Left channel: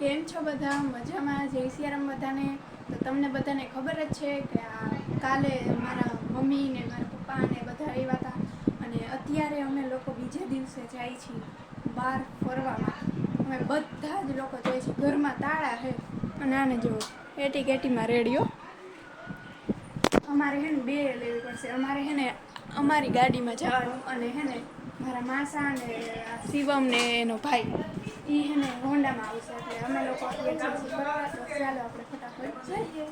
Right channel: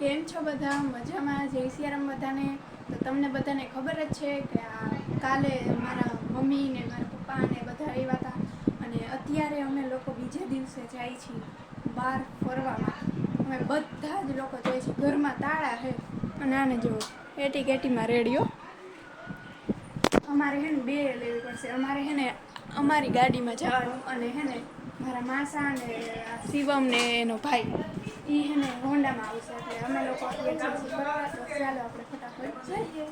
કેમ છો બધા? મજામાં? જય સિયારામ બધાને. તો તમને બધાને ખબર જ છે કે કાલે મારા મમ્મી ને મારા પપ્પા ને બધા આવ્યા હતા અને અત્યારે અમે લોકો બીજે દિવસે જાય છીએ બહાર ફરવામાં. અમે બધા જ લોકો જાય છીએ. ઘરમાં તાળા છે અને આને જો એટી કેટીમાં રેડિયો. અમારે હે ને બે લેવી પડશે. અમારે હે ને અમારી ગાડીમાં જવાનું અને હે ને મારા માસા ને શિવમ ને એનો ભાઈ ઈ હે ને હોન્ડામાં આવશે. એટલે અમે લોકો ચાલો આપણે ફટાફટ જઈએ.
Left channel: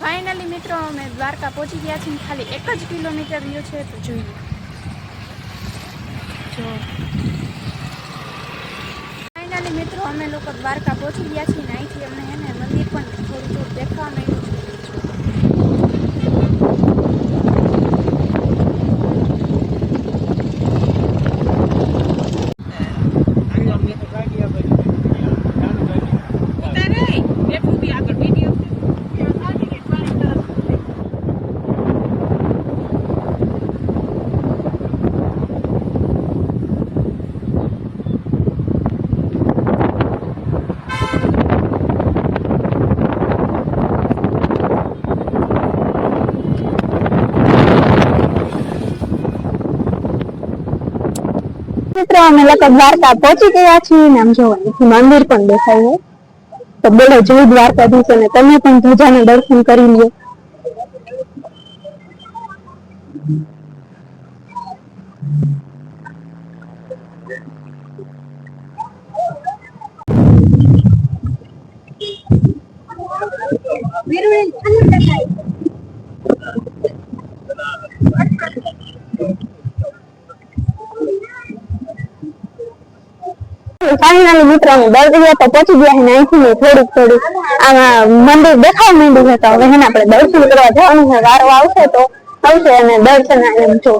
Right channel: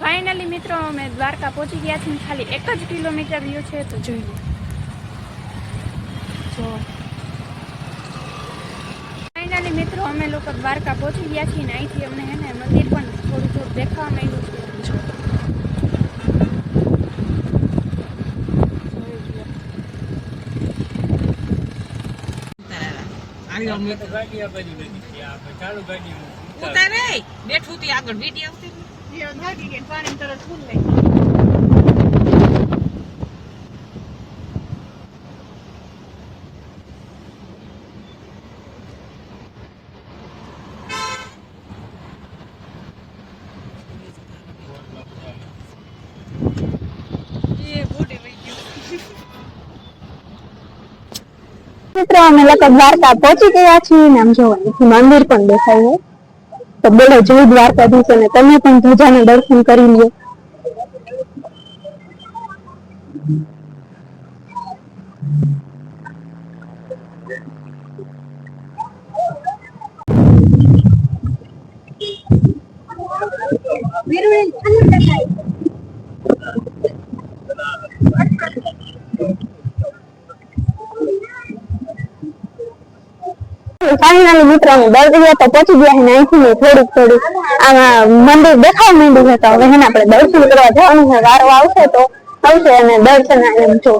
ફાઇનલી મિત્રો અમે દ્વારકા પહોંચી ગયા છીએ. ખાલી 1 જ કિલોમીટર રહ્યો છે તો જોઈએ. જો ફાઇનલી મિત્રો અમે લોકો દ્વારકા પહોંચી ગયા છીએ ને અહીંથી અમને હે ને મંદિર પણ થોડું થોડું દેખાવા માંડ્યું છે. મિત્રો અમે લોકો દ્વારકા પહોંચી ગયા છીએ ને આમ જો મંદિર પણ દેખાય છે. તો બોલો જય દ્વારકાધીશ અને તમે પણ ધજાના દર્શન કરી લ્યો. ફાઇનલી મિત્રો અમે દર્શન તો પહોંચી ગયા ને અહીંથી થોડુંક આમાં મંદિર દેખાવા માંડ્યું છે. તો હવે એને આપણે દર્શન કરવા જવાનું છે. વારો આવશે તો આવશે અને દર્શન એમ જો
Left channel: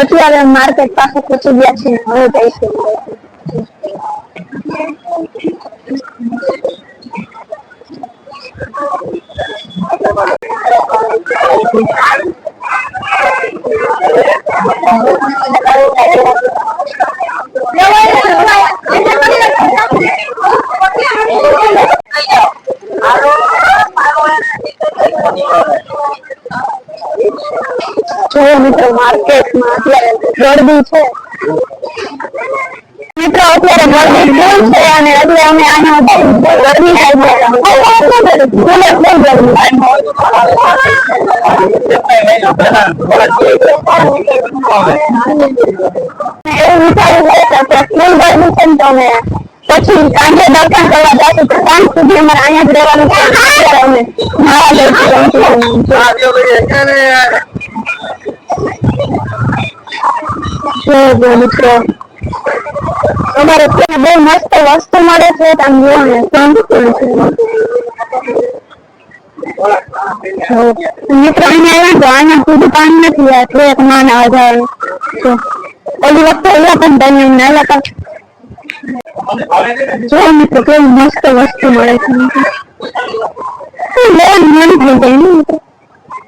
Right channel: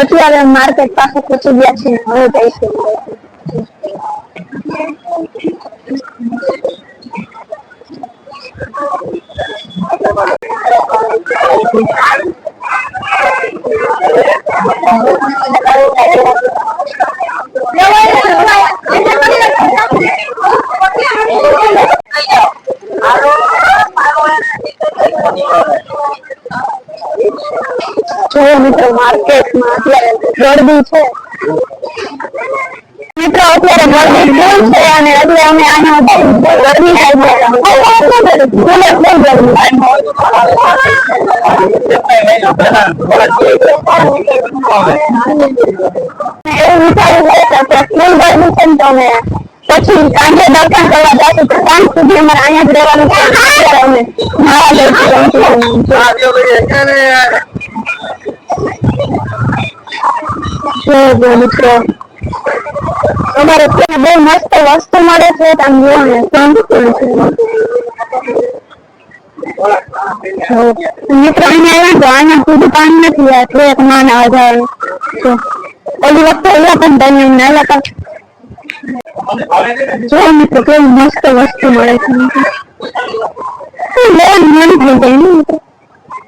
અત્યારે માર્કેટ પાસે પહોંચી ગયા છે. હવે જઈશું. જો મિત્રો માર્કેટમાં અત્યારે ગરદી છે. મિત્રો અત્યારે ગરદી ફૂલ છે અને એટલે અમે અહીંયા ગરમી થાય છે. એવું વિચાર્યું છે કે ફૂલ ગરમી છે ને તો અમે પછી સાંજે દર્શન કરવા જશું. તો સાંજ સુધી અમારે અહીંયા જ રહેવાનું છે. અત્યારે અમે મિત્રો અમારે ત્યાં બહુ મસ્ત વસ્તુ મળે છે. તમે જુઓ ને મિત્રો અહીંયા આવ્યા તો અહીંયા સુધી પાણી નથી. એટલે એક માં ના જવાનું ઓલી વખતે અહીંયા પણ તમે અમને આવ્યા હતા. જો મિત્રો કેવી મસ્ત વસ્તુ મળે છે. લેવાની મન થઈ જાય ને મિત્રો.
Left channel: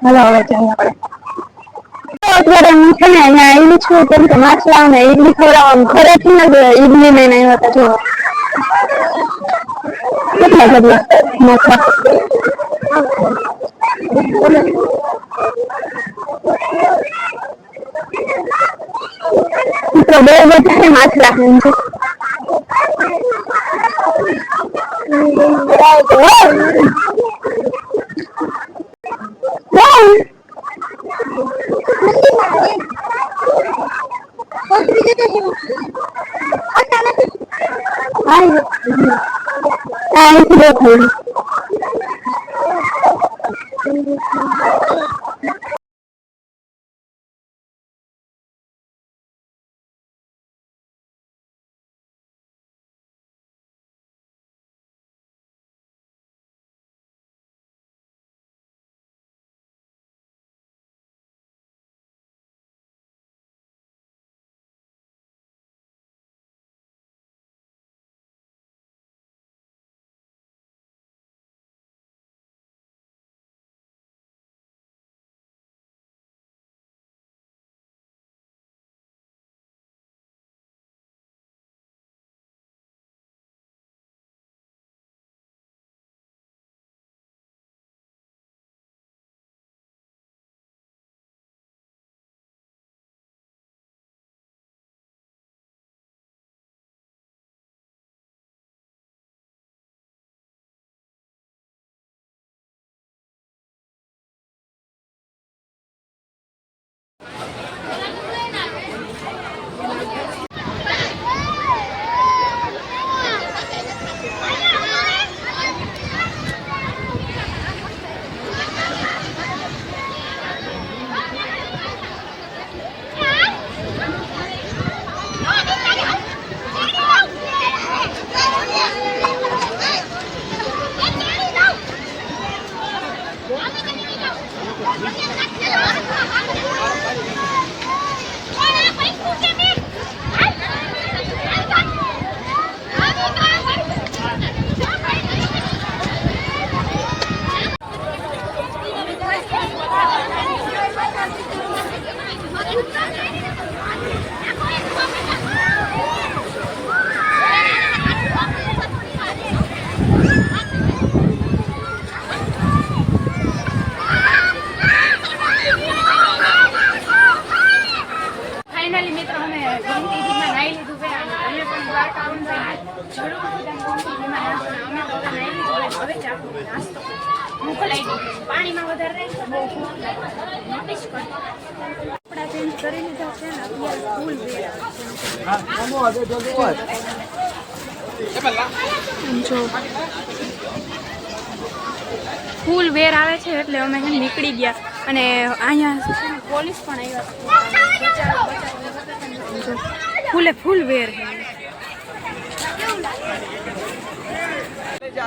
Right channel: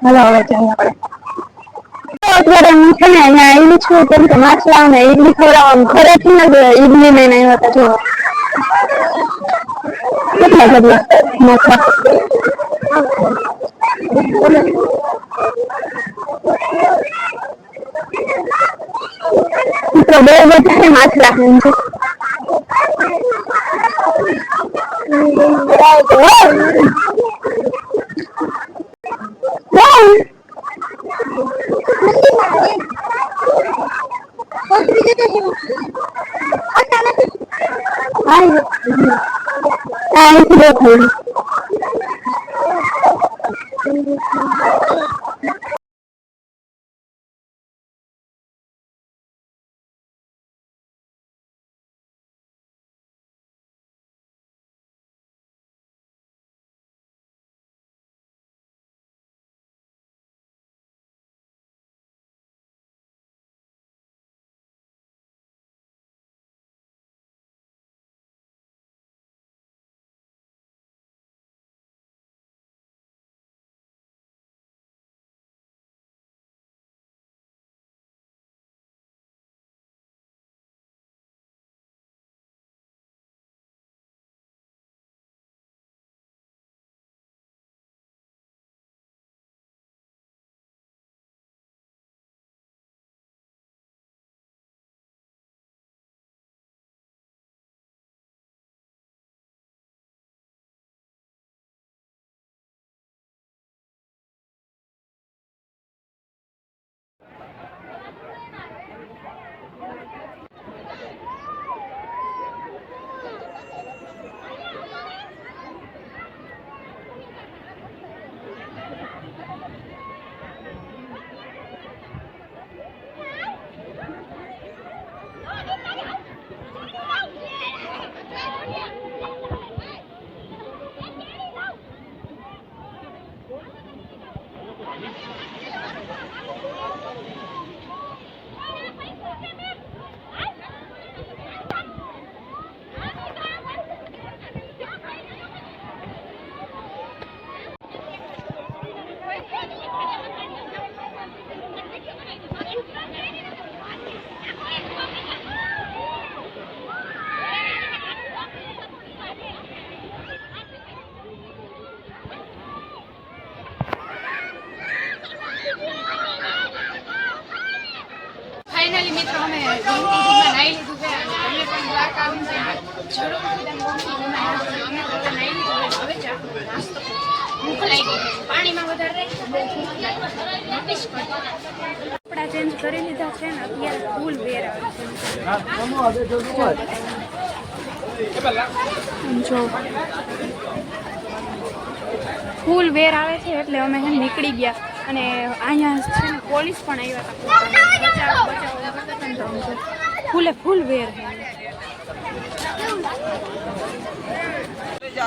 હાલો હવે ચાલો આપણે અત્યારે હું છે ને અહીંયા આવી છું કેમ કે માછલા ને ઈડલી ખવડાવવાનું ઘરેથી ને ઈડલી લઈને આવ્યા હતા. જો કેટલા બધા માછલા મિત્રો બહુ બધા માછલા ફાઇનલી મિત્રો અમે ગોમતીજીમાં નાહી લીધું છે અને તમે પણ દ્વારકા આવો તો જરૂરથી તમે ગોમતીજીમાં નાહજો. અમે તો હવે નાહી લીધું છે. હવે જ આપણો નાસ્તો ભૂખ લાગી ગઈ. પાણીમાં વધારે રહે તો બહુ ભૂખ લાગે. નોટિસ કરજો. કપડાં ચેન્જ કરી લીધા છે ને અત્યારે ફૂલ વેર આવે છે. જો ફૂલ વેર આવે છે એટલે અમે નીકળી ગયા અને અહીંયા છે ને પોલીસ પણ આવ્યા હતા બચાવો કરતા ફૂલે ફૂલ વેર છે.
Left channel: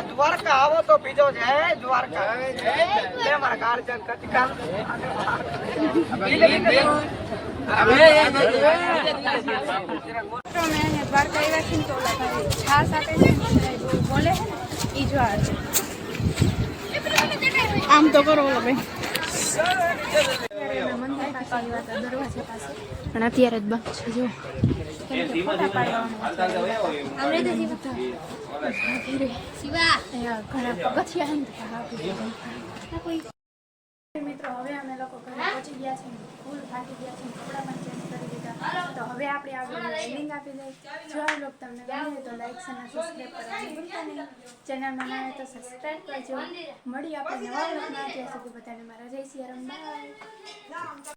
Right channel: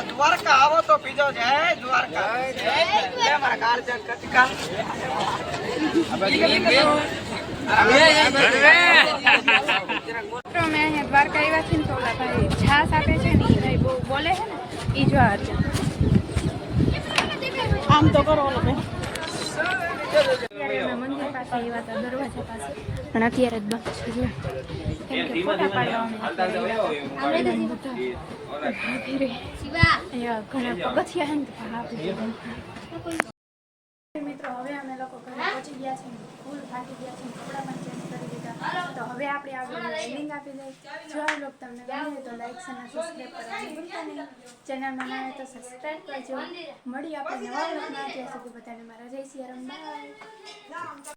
દ્વારકા આવો તો પીજો જય દ્વારકા જય મારા ગાર્જન કતિકા અમે અહીંયા દ્વારકા આવ્યા છીએ ને તો ઓલા ભાઈ છાસ આપે છે ને એ ભાઈ બહુ બોલે છે ને એ જો છે. આમ તો કરો ઓલો ભાઈ. અત્યારે અમે મંદિર પાસે આવ્યા હતા દરવાજા પાસે અને અત્યારે જ બંધ છે જો કેમ કે ફોટા પાડવા અમે અહીંયા ઘણા પગથિયા છે ને મિત્રો હવે અમે લોકો ઘરે પહોંચી ગયા છે ફૂલ થાકી ગયા છે કપડાં પણ ચેન્જ કરી દીધા તો હવે આપણે આગળ એન્ડિંગ આપી દઈએ. જો આ બ્લોગ તમને ગમે તો લાઈક અને સબસ્ક્રાઈબ કરવાનું ભૂલતા નહીં. ચેનલમાં ના આવે તો સબસ્ક્રાઈબ કરજો. મળી આપણે નવા બ્લોગમાં ત્યાં સુધી બધાને મારા જય સિયારામ બાય.